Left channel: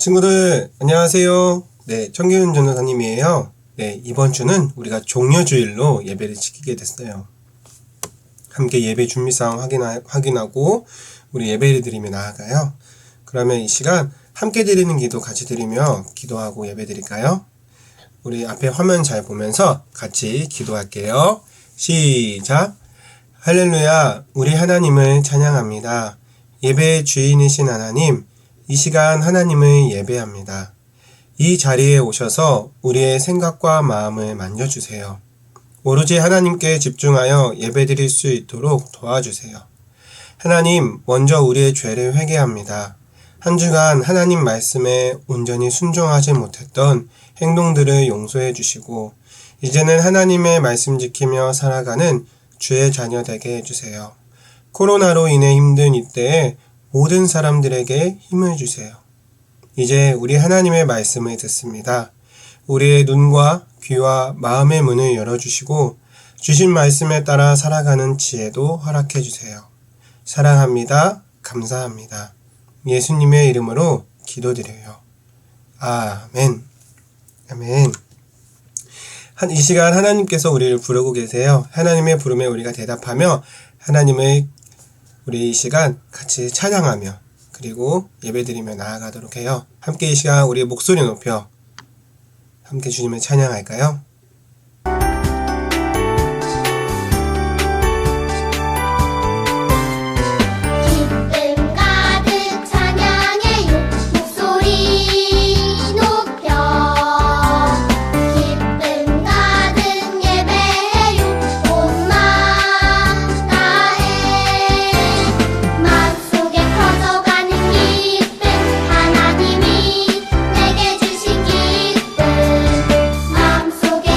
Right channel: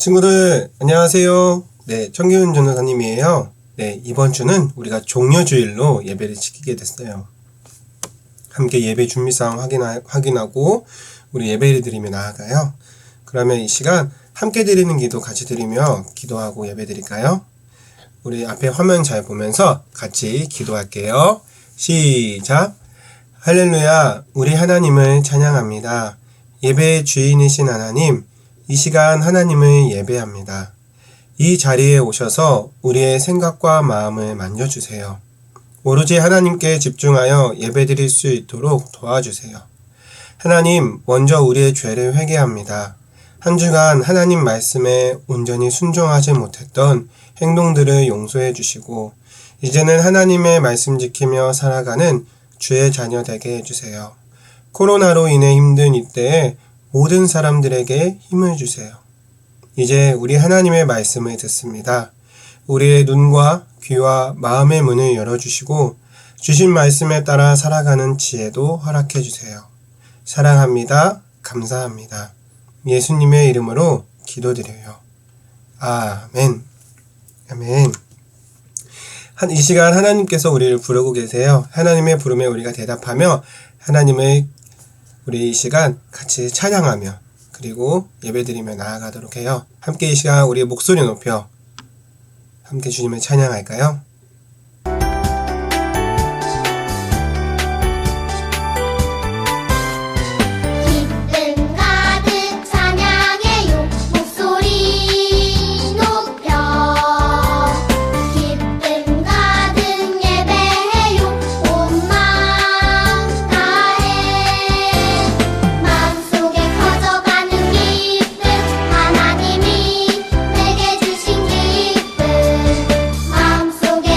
친구들 안녕하세요. 네, 청기훈 전도사님이에요. 네, 이번 주는 우리가 종려주일로 예배를 지키게 됐어요. 함께 예배 준비사항 확인하고 우리 예배를 드리며 나아가요. 그러면 이 시간 함께 드리는 기도 같이 드리며 기도하고 예배 드릴까요? 우리 앞에 화면 잘 보면서 같이 기도할게요. 시작! 할렐루야, 우리 하나님을 찬양합니다. 예배의 주인이신 하나님, 이 시간 하나님을 예배합니다. 이 자리에 오셔서 우리의 생각과 마음을 만져주세요. 오로지 하나님께 집중하여 예배드릴 수 있도록 도와주세요. 하나님, 먼저 우리의 죄를 회개합니다. 한 주간 하나님 말씀에 온전히 순종하지 못했던 행동들을 용서해 주시고 이제는 하나님의 말씀 지키며 살아가는 주의 자녀 되게 해주세요. 코로나로 인해 힘든 이때에 모든 사람들에게 힘을 주세요. 이제 우리 하나님의 말씀을 듣습니다. 우리의 눈과 귀와 마음의 문을 열어주시고 주신 말씀에 따라 살아가는 지혜도 허락해 주세요. 사랑합니다. 감사합니다. 예수님의 이름으로 기도드려요. 아멘. 아멘. 이 시간 하나님께서 우리를 부르고 계세요. 하나님의 부름에 우리가 대답하며 하나님의 우리 이 시간 같이 찬양하며 그리고 예배드리며 나아가도록 해요. 함께 이 시간 우리의 목소리 높여 함께 주님을 찬양할까요? 하나님이 내게 주신 기쁨 마음속에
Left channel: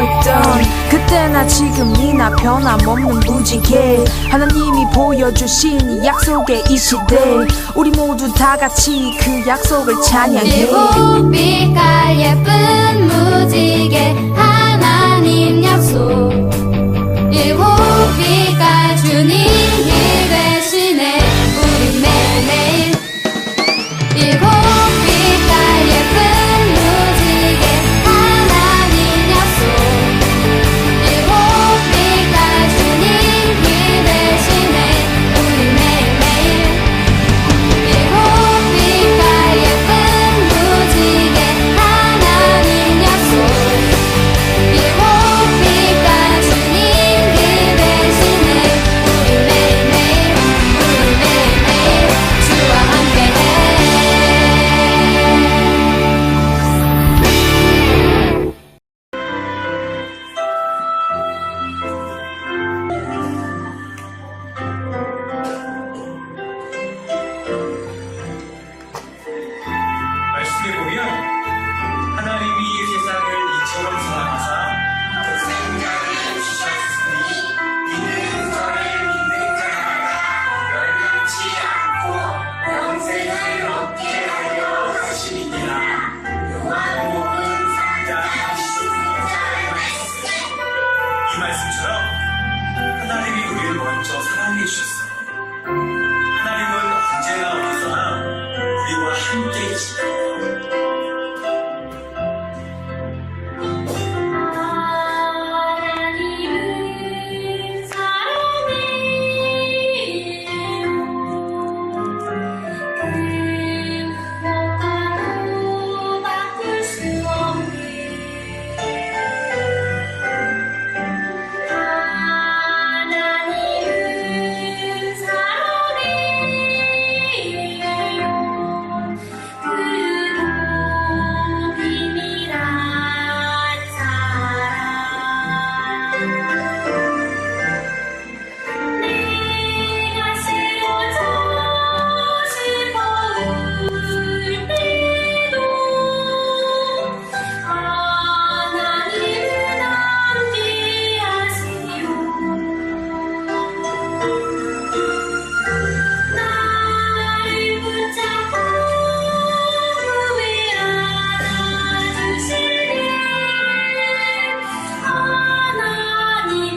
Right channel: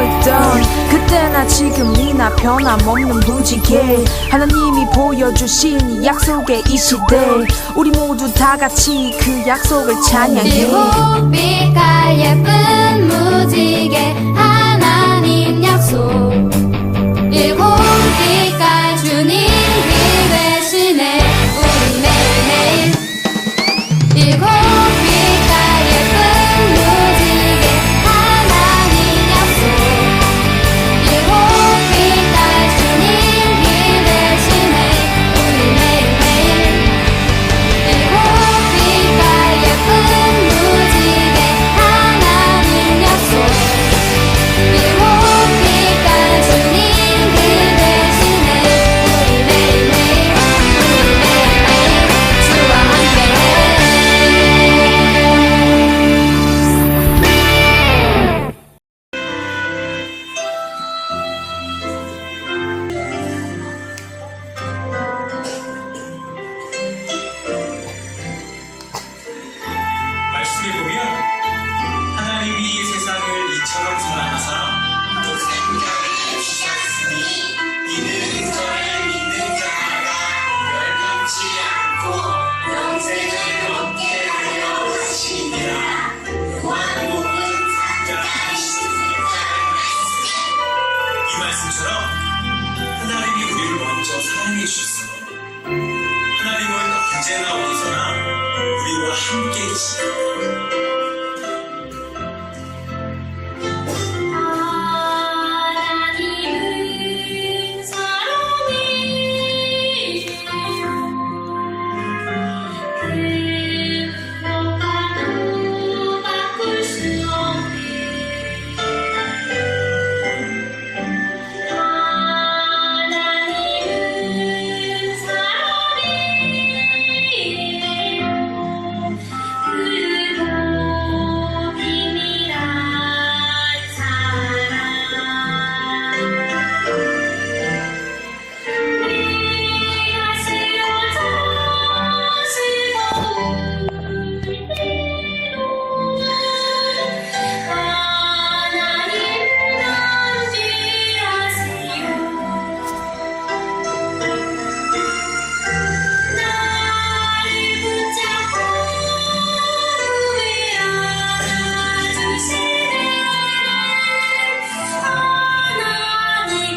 있던 그때나 지금이나 변함없는 무지개 하나님이 보여주신 이 약속의 이 시대 우리 모두 다 같이 그 약속을 찬양해 일곱 빛깔 예쁜 무지개 하나님 약속 일곱 빛깔 주님 길 대신에 우리 매일매일 일곱 빛깔 예쁜 무지개 하나님 약속 일곱 빛깔 주님 길 대신에 우리 매일매일 일곱 빛깔 예쁜 무지개 하나님 약속 일곱 빛깔 주님 길 대신에 우리 매일매일 주와 함께해 말씀에 보면 하나님이 이 세상을 이처럼 사랑하사 독생자를 주셨으니 이는 저를 믿는 자마다 멸망치 않고 영생을 얻게 하려 하심이니라. 요한복음 3장 16절 말씀. 이 말씀처럼 하나님이 우리를 먼저 사랑해 주셨어요. 하나님은 언제나 어디서나 우리와 함께 계십니다. 하나님은 사랑이에요 그 무엇과도 바꿀 수 없는 하나님은 사랑이에요 그리고 비밀한 사랑 내가 쓰러져 슬퍼울 때도 하나님은 함께하세요 나를 붙잡고 품에 안아주시네 하나님은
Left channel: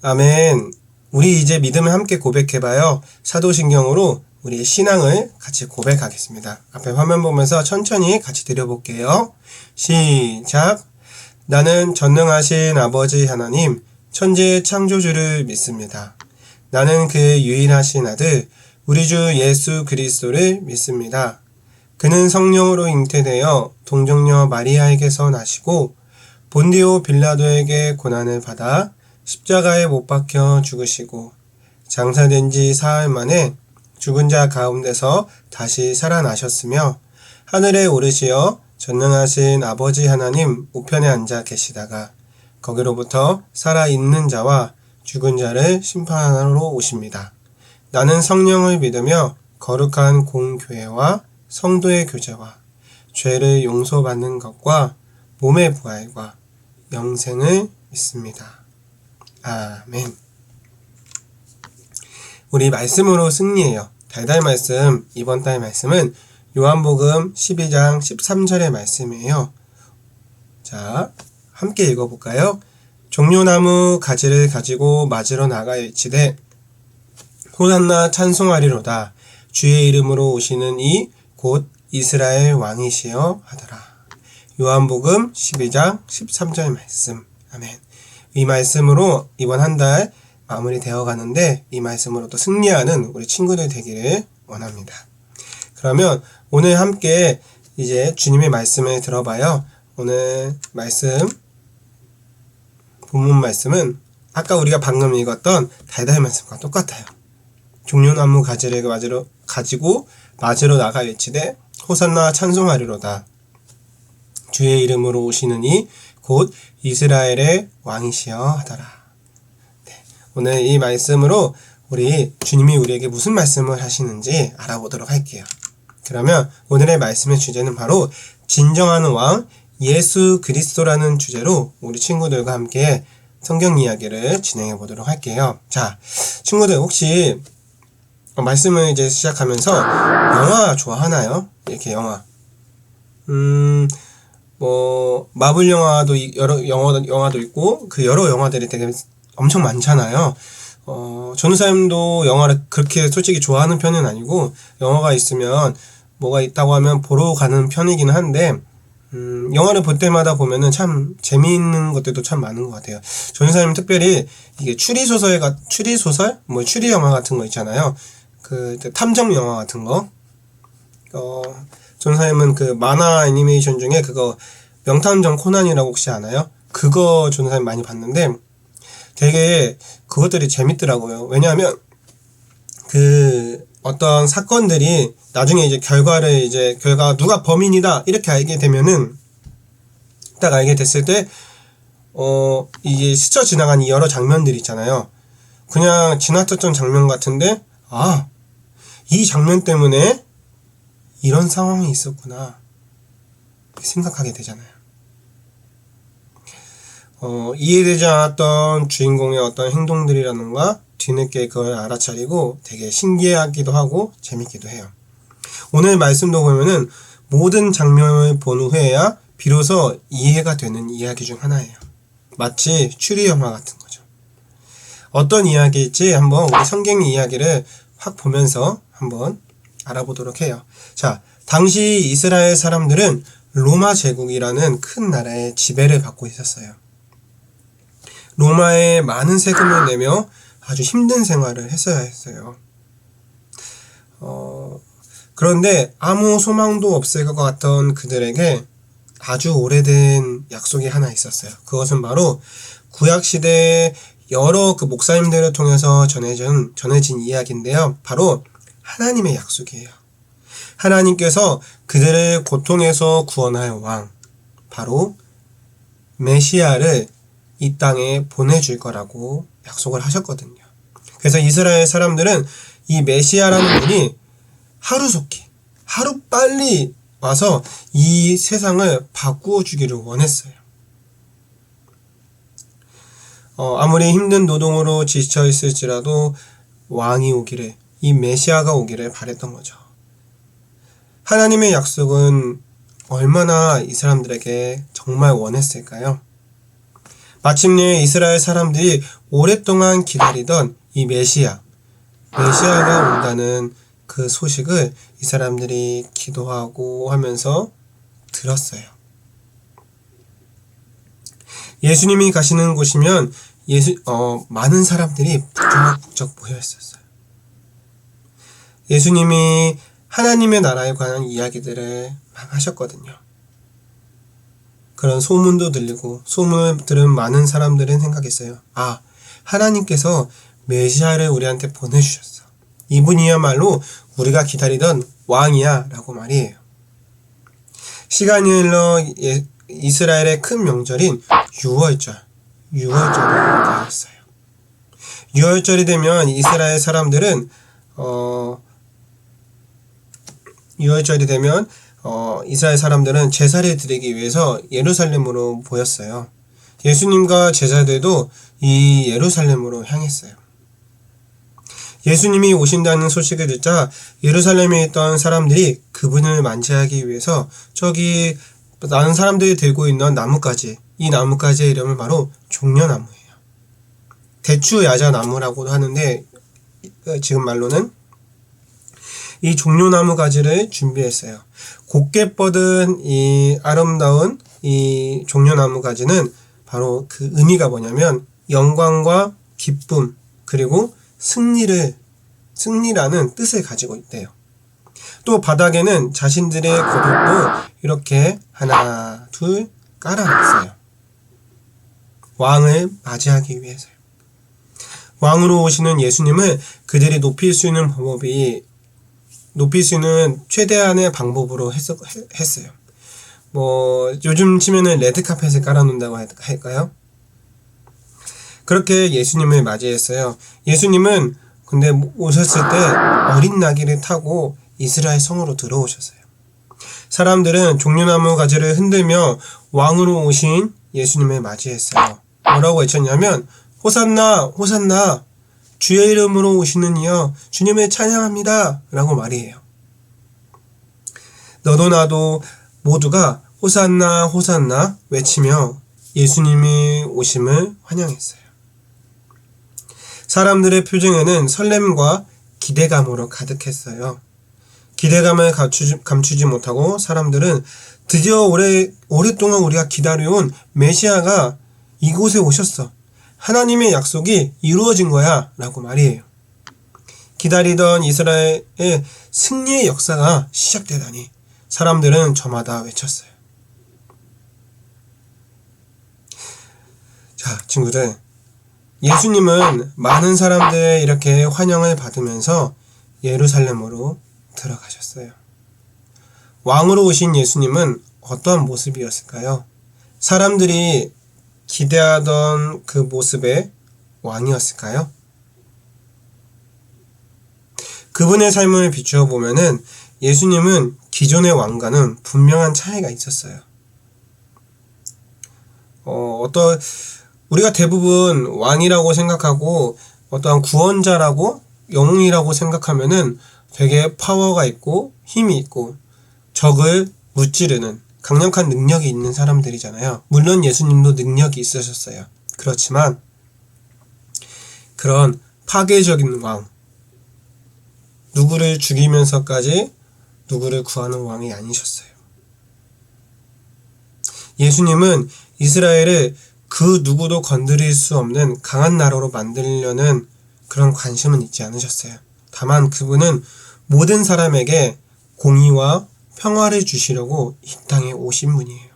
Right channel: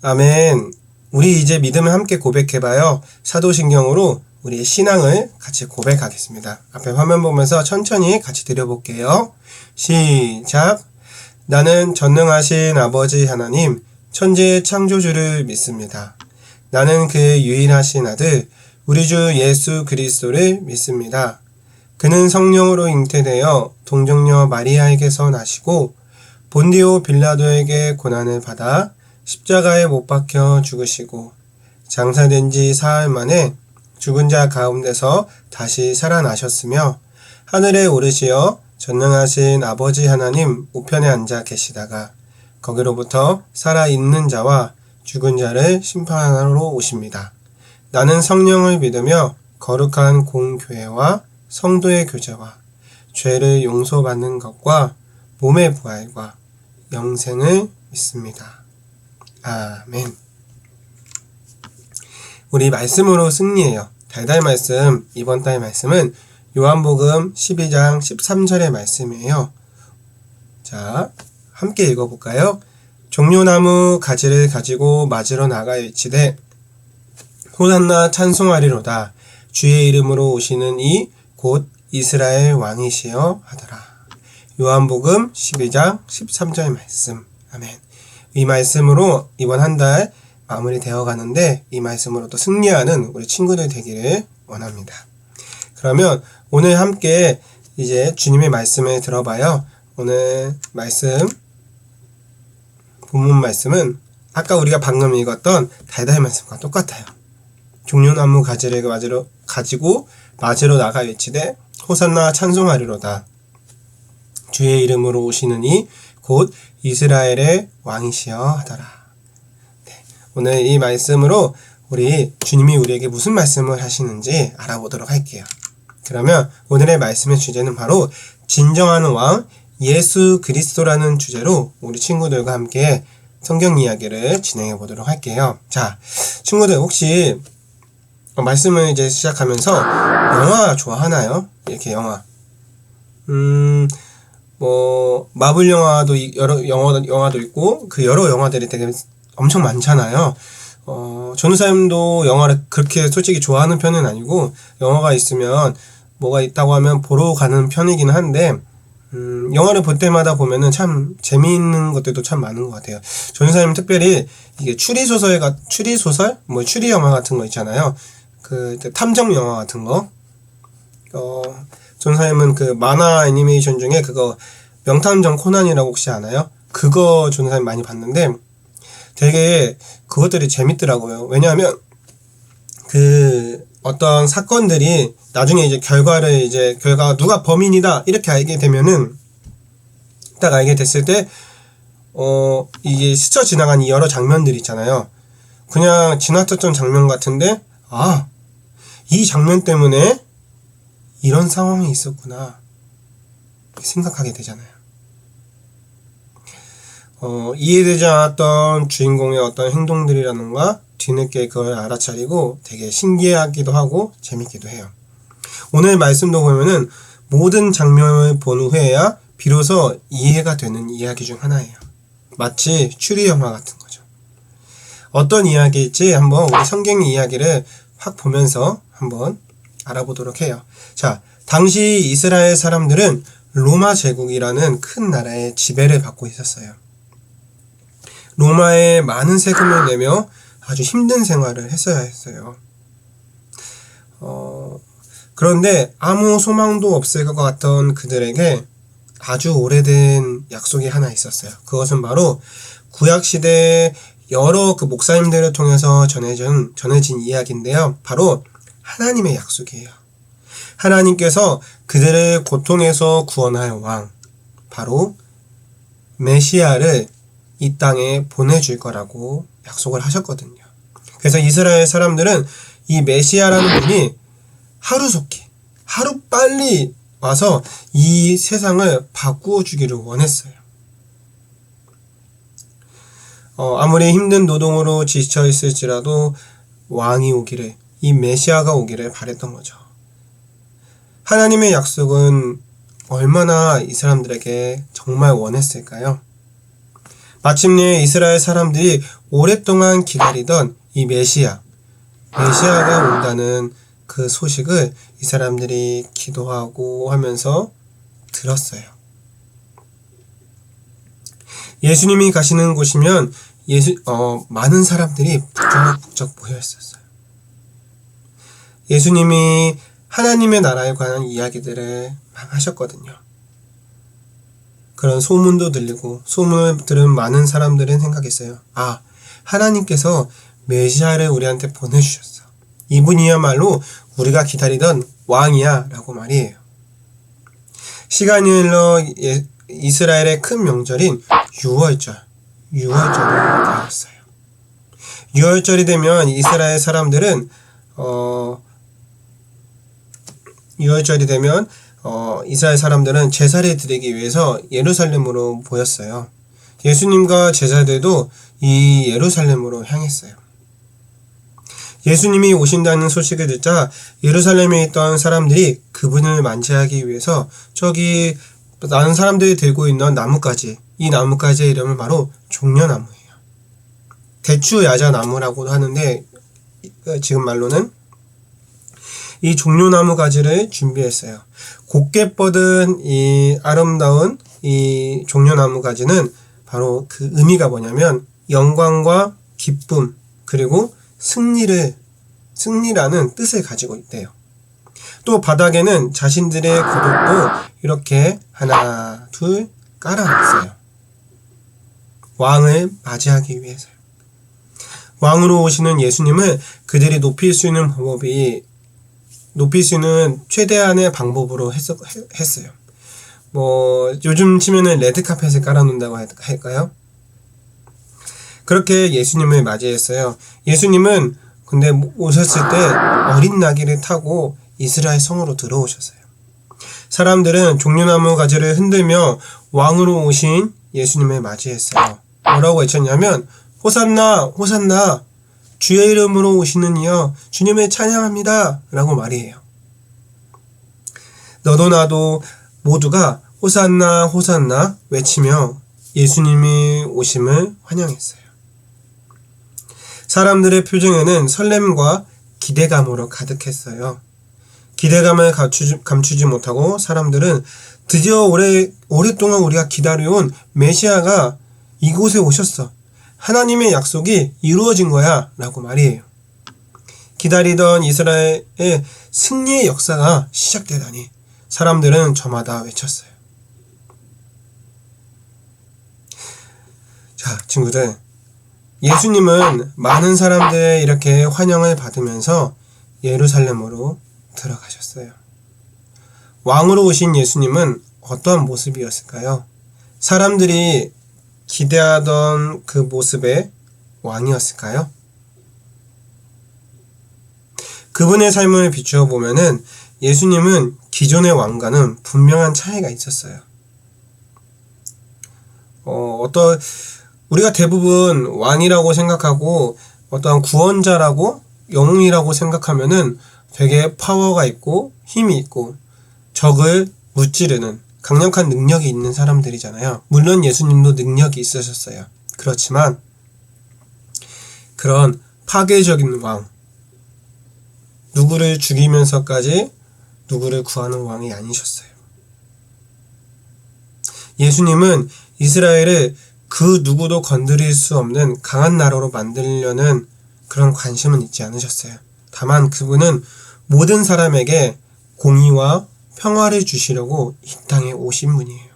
아멘. 우리 이제 믿음을 함께 고백해봐요. 사도신경으로 우리의 신앙을 같이 고백하겠습니다. 앞에 화면 보면서 천천히 같이 드려볼게요. 시작. 나는 전능하신 아버지 하나님, 천지의 창조주를 믿습니다. 나는 그의 유일하신 아들, 우리 주 예수 그리스도를 믿습니다. 그는 성령으로 잉태되어 동정녀 마리아에게서 나시고 본디오 빌라도에게 고난을 받아 십자가에 못 박혀 죽으시고 장사된 지 사흘 만에 죽은 자 가운데서 다시 살아나셨으며 하늘에 오르시어 전능하신 아버지 하나님 우편에 앉아 계시다가 거기로부터 살아있는 자와 죽은 자를 심판하러 오십니다. 나는 성령을 믿으며 거룩한 공교회와 성도의 교제와 죄를 용서받는 것과 몸의 부활과 영생을 믿습니다. 아멘. 우리 말씀으로 승리해요. 달달 말씀, 이번 달 말씀은 요한복음 12장 13절의 말씀이에요. 자, 함께 읽어볼까요? 종려나무 가지를 가지고 맞으러 나가 외치되 호산나 찬송하리로다. 주의 이름으로 오시는 이 곧 이스라엘 왕이시여 하더라. 요한복음 12장 13절 말씀. 아멘. 이 말씀으로 이번 한 달 마무리되어 가는데 이 말씀으로 또 승리하는 우리 친구들 되기를 원합니다. 그러면 오늘 함께 이제 주님의 말씀을 들어봐요. 오늘 말씀, 본문 말씀은 아까 우리가 방금 읽었던 달달 말씀과 똑같아요. 종려나무 가지를 가지고 맞으러 나가 외치되 호산나 찬송하리로다. 주의 이름으로 오시는 이 곧 이스라엘의 왕이시여 하더라. 네, 오늘 이 말씀으로 우리 주님이 우리에게 무슨 말씀을 하시는지 알아보도록 할게요. 그러면 오늘의 말씀의 주제는 바로 진정한 왕 예수 그리스도라는 주제로 우리 친구들과 함께 성경 이야기를 진행해 보도록 할게요. 자, 친구들 혹시 말씀을 이제 시작하면서 영화 좋아하나요? 이렇게 영화. 마블 영화도 영화도 있고 그 여러 영화들이 되게 엄청 많잖아요. 전우사님도 영화를 그렇게 솔직히 좋아하는 편은 아니고 영화가 있으면 뭐가 있다고 하면 보러 가는 편이긴 한데 영화를 볼 때마다 보면은 참 재미있는 것들도 참 많은 것 같아요. 전우사님 특별히 이게 추리소설, 추리 영화 같은 거 있잖아요. 그 탐정 영화 같은 거. 전우사님은 그 만화 애니메이션 중에 그거 명탐정 코난이라고 혹시 아나요? 그거 전우사님 많이 봤는데 되게 그것들이 재밌더라고요. 왜냐하면 그 어떤 사건들이 나중에 이제 결과가 누가 범인이다 이렇게 알게 되면은 딱 알게 됐을 때 이게 스쳐 지나간 이 여러 장면들이 있잖아요. 그냥 지나쳤던 장면 같은데 이 장면 때문에 이런 상황이 있었구나 생각하게 되잖아요. 이해되지 않았던 주인공의 어떤 행동들이라던가 뒤늦게 그걸 알아차리고 되게 신기하기도 하고 재밌기도 해요. 오늘 말씀도 보면은 모든 장면을 본 후에야 비로소 이해가 되는 이야기 중 하나예요. 마치 추리 영화 같은 거죠. 어떤 이야기일지 한번 우리 성경 이야기를 확 보면서 한번 알아보도록 해요. 자, 당시 이스라엘 사람들은 로마 제국이라는 큰 나라의 지배를 받고 있었어요. 로마에 많은 세금을 내며 아주 힘든 생활을 했어야 했어요. 그런데 아무 소망도 없을 것 같던 그들에게 아주 오래된 약속이 하나 있었어요. 그것은 바로 구약시대 여러 그 목사님들을 통해서 전해진 이야기인데요. 바로 하나님의 약속이에요. 하나님께서 그들의 고통에서 구원할 왕, 바로 메시아를 이 땅에 보내줄 거라고 약속을 하셨거든요. 그래서 이스라엘 사람들은 이 메시아라는 분이 하루빨리 와서 이 세상을 바꾸어 주기를 원했어요. 아무리 힘든 노동으로 지쳐 있을지라도 왕이 오기를, 이 메시아가 오기를 바랬던 거죠. 하나님의 약속은 얼마나 이 사람들에게 정말 원했을까요? 마침내 이스라엘 사람들이 오랫동안 기다리던 이 메시아가 온다는 그 소식을 이 사람들이 기도하고 하면서 들었어요. 예수님이 가시는 곳이면 많은 사람들이 북적북적 모여 있었어요. 예수님이 하나님의 나라에 관한 이야기들을 막 하셨거든요. 그런 소문도 들리고 소문을 들은 많은 사람들은 생각했어요. 하나님께서 메시아를 우리한테 보내주셨어. 이분이야말로 우리가 기다리던 왕이야 라고 말이에요. 시간이 흘러 이스라엘의 큰 명절인 6월절이 되었어요. 6월절이 되면 이스라엘 사람들은 6월절이 되면 이스라엘 사람들은 제사를 드리기 위해서 예루살렘으로 모였어요. 예수님과 제자들도 이 예루살렘으로 향했어요. 예수님이 오신다는 소식을 듣자 예루살렘에 있던 사람들이 그분을 맞이하기 위해서 저기 많은 사람들이 들고 있는 나뭇가지, 이 나뭇가지의 이름은 바로 종려나무예요. 대추야자나무라고도 하는데 지금 말로는 이 종려나무 가지를 준비했어요. 곱게 뻗은 이 아름다운 이 종려나무 가지는 바로 그 의미가 뭐냐면 영광과 기쁨 그리고 승리라는 뜻을 가지고 있대요. 또 바닥에는 자신들의 겉옷도 이렇게 하나 둘 깔아놨어요. 왕을 맞이하기 위해서요. 왕으로 오시는 예수님을 그들이 높일 수 있는 최대한의 방법으로 했어요. 요즘 치면은 레드카펫을 깔아놓는다고 할까요? 그렇게 예수님을 맞이했어요. 예수님은 근데 오셨을 때 어린 나귀를 타고 이스라엘 성으로 들어오셨어요. 사람들은 종려나무 가지를 흔들며 왕으로 오신 예수님을 맞이했어요. 뭐라고 외쳤냐면 호산나 호산나 주의 이름으로 오시는 이여 주님을 찬양합니다 라고 말이에요. 너도 나도 모두가 호산나 호산나 외치며 예수님이 오심을 환영했어요. 사람들의 표정에는 설렘과 기대감으로 가득했어요. 기대감을 감추지 못하고 사람들은 드디어 오랫동안 우리가 기다려온 메시아가 이곳에 오셨어. 하나님의 약속이 이루어진 거야 라고 말이에요. 기다리던 이스라엘의 승리의 역사가 시작되다니 사람들은 저마다 외쳤어요. 자, 친구들, 예수님은 많은 사람들의 이렇게 환영을 받으면서 예루살렘으로 들어가셨어요. 왕으로 오신 예수님은 어떠한 모습이었을까요? 사람들이 기대하던 그 모습의 왕이었을까요? 그분의 삶을 비추어 보면은 예수님은 기존의 왕과는 분명한 차이가 있었어요. 우리가 대부분 왕이라고 생각하고 어떠한 구원자라고 영웅이라고 생각하면은 되게 파워가 있고 힘이 있고 적을 무찌르는 강력한 능력이 있는 사람들이잖아요. 물론 예수님도 능력이 있으셨어요. 그렇지만 그런 파괴적인 왕, 누구를 죽이면서까지 누구를 구하는 왕이 아니셨어요. 예수님은 이스라엘을 그 누구도 건드릴 수 없는 강한 나라로 만들려는 그런 관심은 있지 않으셨어요. 다만 그분은 모든 사람에게 공의와 평화를 주시려고 이 땅에 오신 분이에요.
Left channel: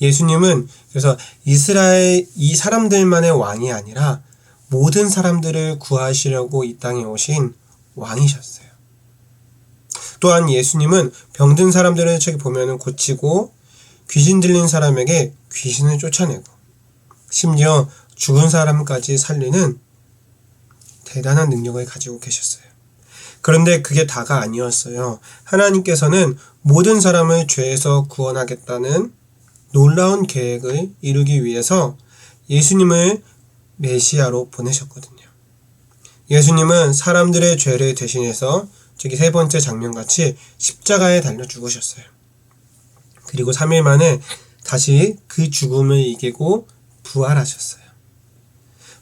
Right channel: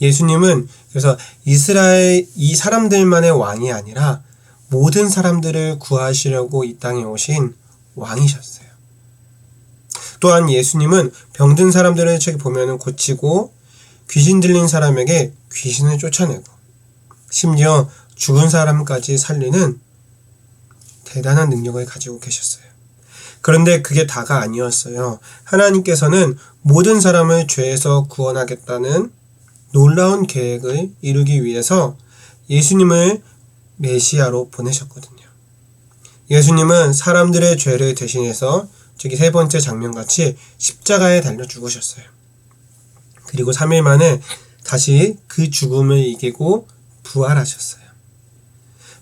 예수님은 그래서 이스라엘 이 사람들만의 왕이 아니라 모든 사람들을 구하시려고 이 땅에 오신 왕이셨어요. 또한 예수님은 병든 사람들을 저기 보면은 고치고 귀신 들린 사람에게 귀신을 쫓아내고 심지어 죽은 사람까지 살리는 대단한 능력을 가지고 계셨어요. 그런데 그게 다가 아니었어요. 하나님께서는 모든 사람을 죄에서 구원하겠다는 놀라운 계획을 이루기 위해서 예수님을 메시아로 보내셨거든요. 예수님은 사람들의 죄를 대신해서 저기 세 번째 장면같이 십자가에 달려 죽으셨어요. 그리고 3일 만에 다시 그 죽음을 이기고 부활하셨어요.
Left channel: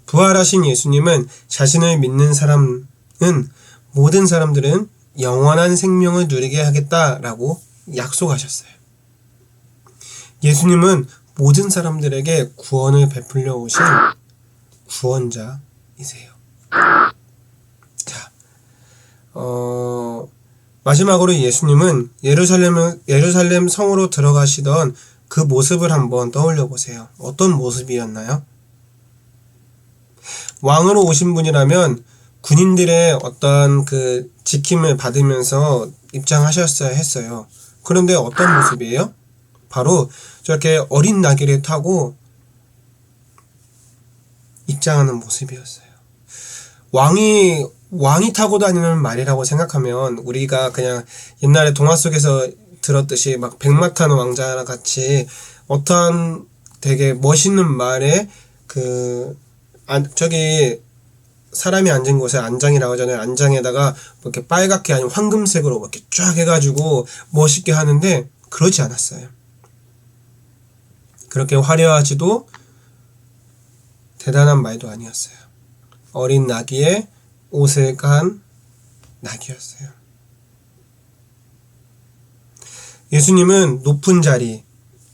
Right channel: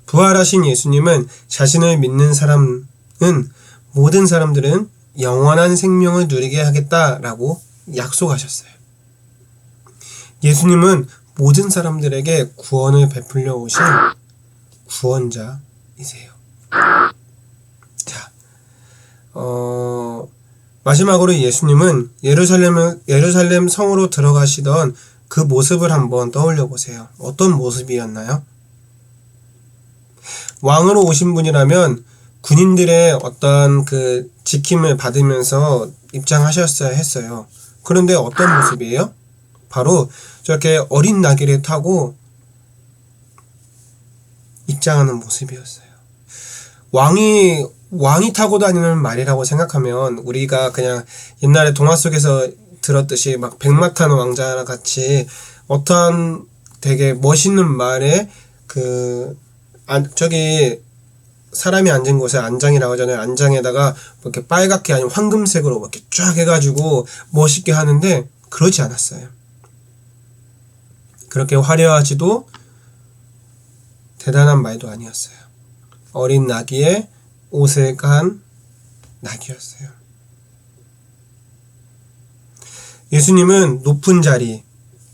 부활하신 예수님은 자신을 믿는 사람은 모든 사람들은 영원한 생명을 누리게 하겠다라고 약속하셨어요. 예수님은 모든 사람들에게 구원을 베풀려 오신 구원자이세요. 자, 마지막으로 예수님은 예루살렘 성으로 들어가시던 그 모습을 한번 떠올려 보세요. 어떤 모습이었나요? 왕으로 오신 분이라면 군인들의 어떤 그 지킴을 받으면서 입장하셨어야 했어요. 그런데 어떤 모습이에요? 바로 저렇게 어린 나귀를 타고 입장하는 모습이었어요. 왕이 타고 다니는 말이라고 생각하면 우리가 그냥 옛날에 동화 속에서 들었듯이 막 백마 타는 왕자랑 같이 어떠한 되게 멋있는 말에 저기 사람이 앉은 곳에 안장이라고 하잖아요. 안장에다가 이렇게 빨갛게 아니면 황금색으로 이렇게 쫙 해가지고 멋있게 하는데 그러지 않았어요. 그렇게 화려하지도 대단한 말도 아니었어요. 어린 나귀에 옷을 간 나귀였어요. 예수님은 높은 자리,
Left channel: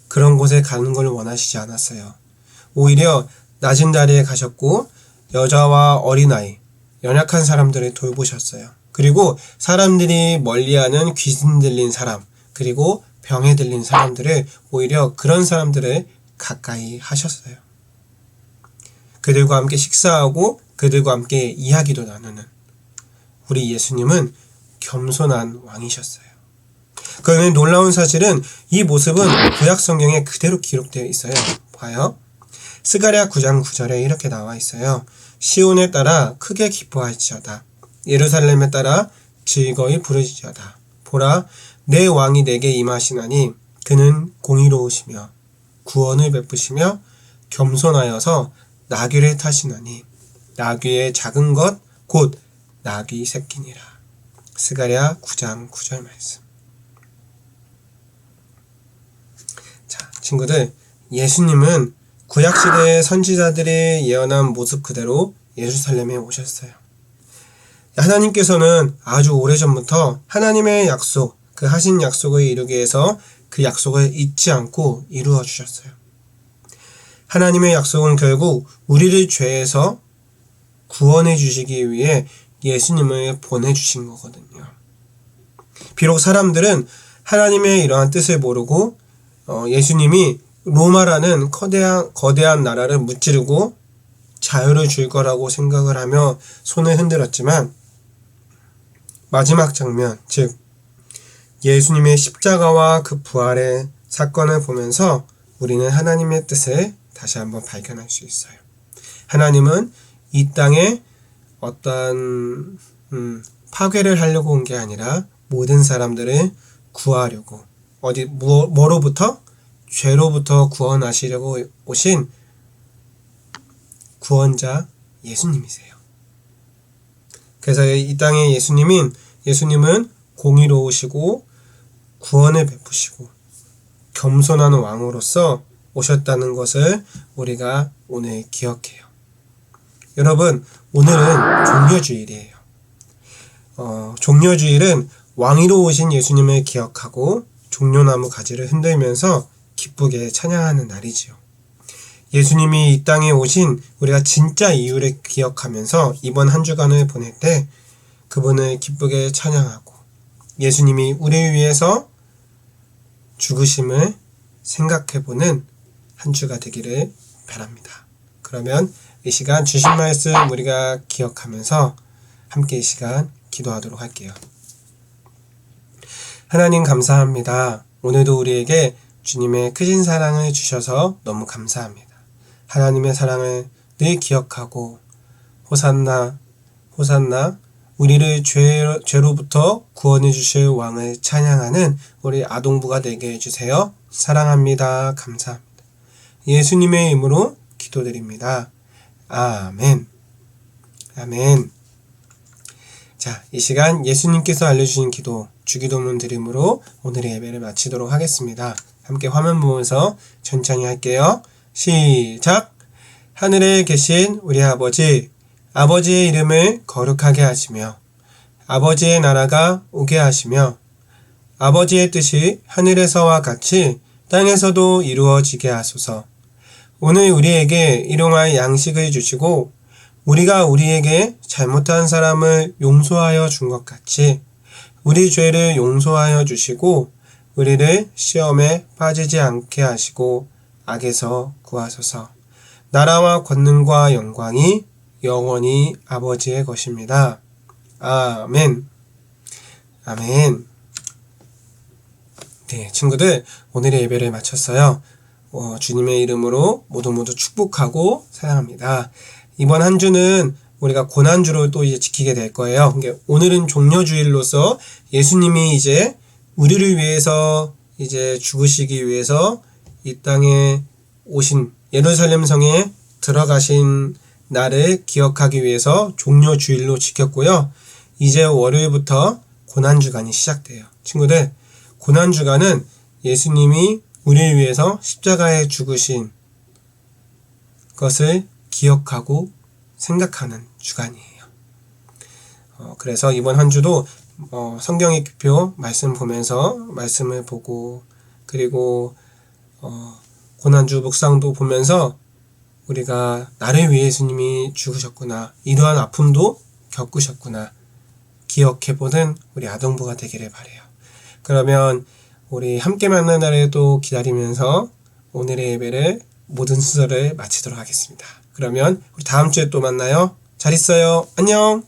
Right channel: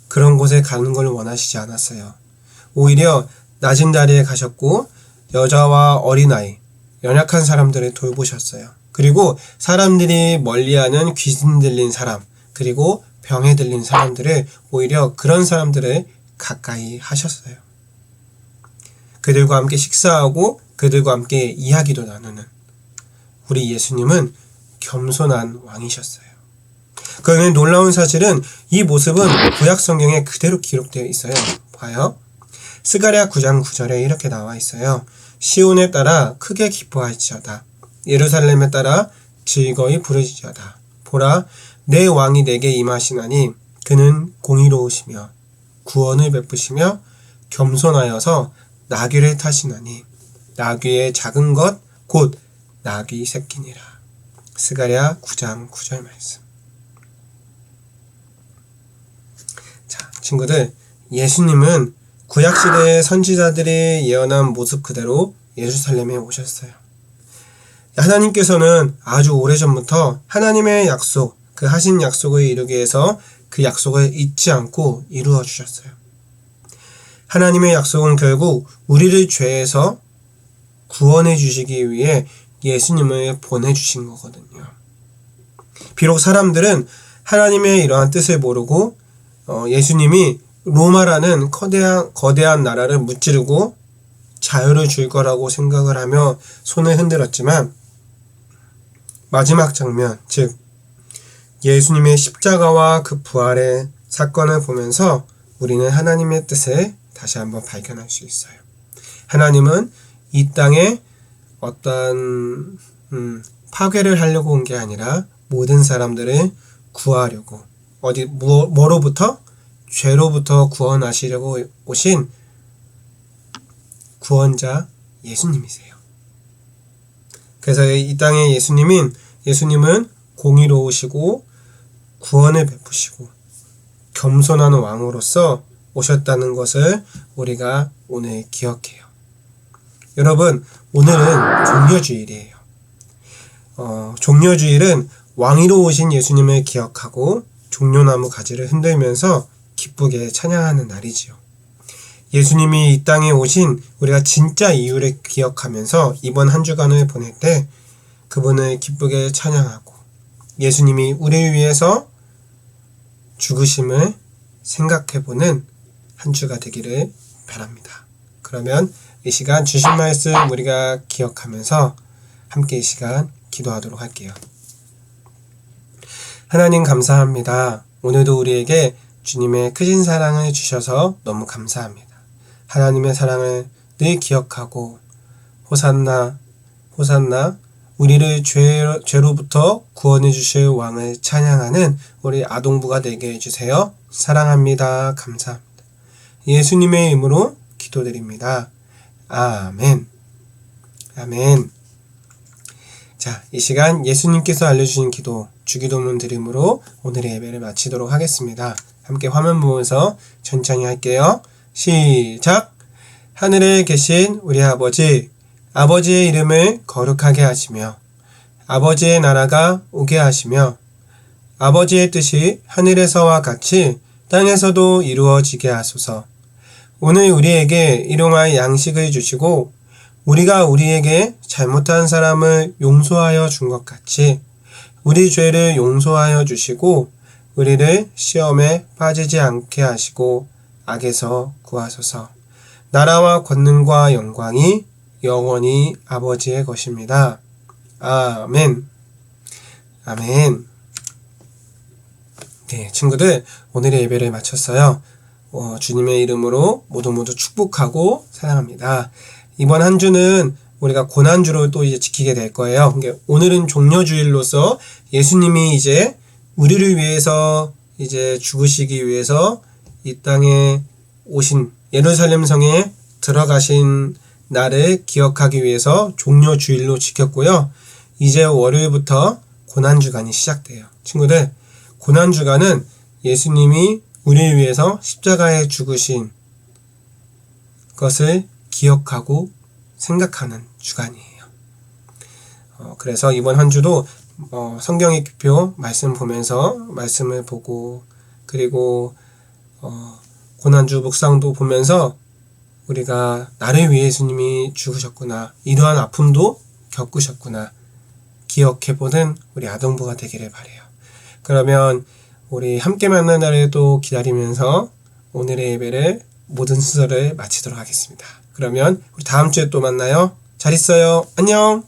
그런 곳에 가는 걸 원하시지 않았어요. 오히려 낮은 자리에 가셨고 여자와 어린아이, 연약한 사람들을 돌보셨어요. 그리고 사람들이 멀리하는 귀신 들린 사람, 그리고 병에 들린 사람들을 오히려 그런 사람들을 가까이 하셨어요. 그들과 함께 식사하고 그들과 함께 이야기도 나누는 우리 예수님은 겸손한 왕이셨어요. 그런데 놀라운 사실은 이 모습은 구약 성경에 그대로 기록되어 있어요. 봐요. 스가랴 9장 9절에 이렇게 나와 있어요. 시온에 따라 크게 기뻐할지어다. 예루살렘에 따라 즐거이 부르짖어다. 보라, 내 왕이 내게 임하시나니 그는 공의로우시며 구원을 베푸시며 겸손하여서 나귀를 타시나니 나귀의 작은 것 곧 나귀 새끼니라. 스가랴 9장 9절 말씀. 자, 친구들, 예수님은 구약시대의 선지자들이 예언한 모습 그대로 예루살렘에 오셨어요. 하나님께서는 아주 오래전부터 하나님의 약속, 그 하신 약속을 이루기 위해서 그 약속을 잊지 않고 이루어 주셨어요. 하나님의 약속은 결국 우리를 죄에서 구원해 주시기 위해 예수님을 보내주신 거거든요. 비록 사람들은 하나님의 이러한 뜻을 모르고 예수님이 로마라는 거대한 나라를 무찌르고 자유를 줄 거라고 생각을 하며 손을 흔들었지만 마지막 장면, 즉 예수님의 십자가와 그 부활의 사건을 보면서 우리는 하나님의 뜻을 다시 한번 발견할 수 있어요. 하나님은 이 땅에 어떠한 파괴를 하려고 온 게 아니라 모든 사람들을 구하려고 뭐로부터? 죄로부터 구원하시려고 오신 구원자 예수님이세요. 그래서 이 땅에 예수님은 공의로우시고 구원을 베푸시고 겸손한 왕으로서 오셨다는 것을 우리가 오늘 기억해요. 여러분, 오늘은 종려주일이에요. 종려주일은 왕이로우신 예수님을 기억하고 종려나무 가지를 흔들면서 기쁘게 찬양하는 날이지요. 예수님이 이 땅에 오신 우리가 진짜 이유를 기억하면서 이번 한 주간을 보낼 때 그분을 기쁘게 찬양하고 예수님이 우리를 위해서 죽으심을 생각해보는 한 주가 되기를 바랍니다. 그러면 이 시간 주신 말씀 우리가 기억하면서 함께 이 시간 기도하도록 할게요. 하나님 감사합니다. 오늘도 우리에게 주님의 크신 사랑을 주셔서 너무 감사합니다. 하나님의 사랑을 늘 기억하고 호산나 호산나 우리를 죄로부터 구원해 주실 왕을 찬양하는 우리 아동부가 되게 해주세요. 사랑합니다. 감사합니다. 예수님의 이름으로 기도드립니다. 아멘. 아멘. 자, 이 시간 예수님께서 알려주신 기도, 주기도문 드림으로 오늘의 예배를 마치도록 하겠습니다. 함께 화면 보면서 천천히 할게요. 시작! 하늘에 계신 우리 아버지, 아버지의 이름을 거룩하게 하시며 아버지의 나라가 오게 하시며 아버지의 뜻이 하늘에서와 같이 땅에서도 이루어지게 하소서. 오늘 우리에게 일용할 양식을 주시고 우리가 우리에게 잘못한 사람을 용서하여 준 것 같이 우리 죄를 용서하여 주시고 우리를 시험에 빠지지 않게 하시고 악에서 구하소서. 나라와 권능과 영광이 영원히 아버지의 것입니다. 아멘. 아멘. 네, 친구들 오늘의 예배를 마쳤어요. 주님의 이름으로 모두 축복하고 사랑합니다. 이번 한 주는 우리가 고난주로 또 이제 지키게 될 거예요. 그러니까 오늘은 종려주일로서 예수님이 이제 우리를 위해서 이제 죽으시기 위해서 이 땅에 오신 예루살렘 성에 들어가신 날을 기억하기 위해서 종려주일로 지켰고요. 이제 월요일부터 고난주간이 시작돼요. 친구들, 고난주간은 예수님이 우리를 위해서 십자가에 죽으신 것을 기억하고 생각하는 주간이에요. 그래서 이번 한 주도 성경의 기표 말씀 보면서 말씀을 보고 그리고 고난주 묵상도 보면서 우리가 나를 위해 예수님이 죽으셨구나, 이러한 아픔도 겪으셨구나 기억해보는 우리 아동부가 되기를 바라요. 그러면 우리 함께 만난 날에도 기다리면서 오늘의 예배를 모든 순서를 마치도록 하겠습니다. 그러면 우리 다음 주에 또 만나요. 잘 있어요. 안녕.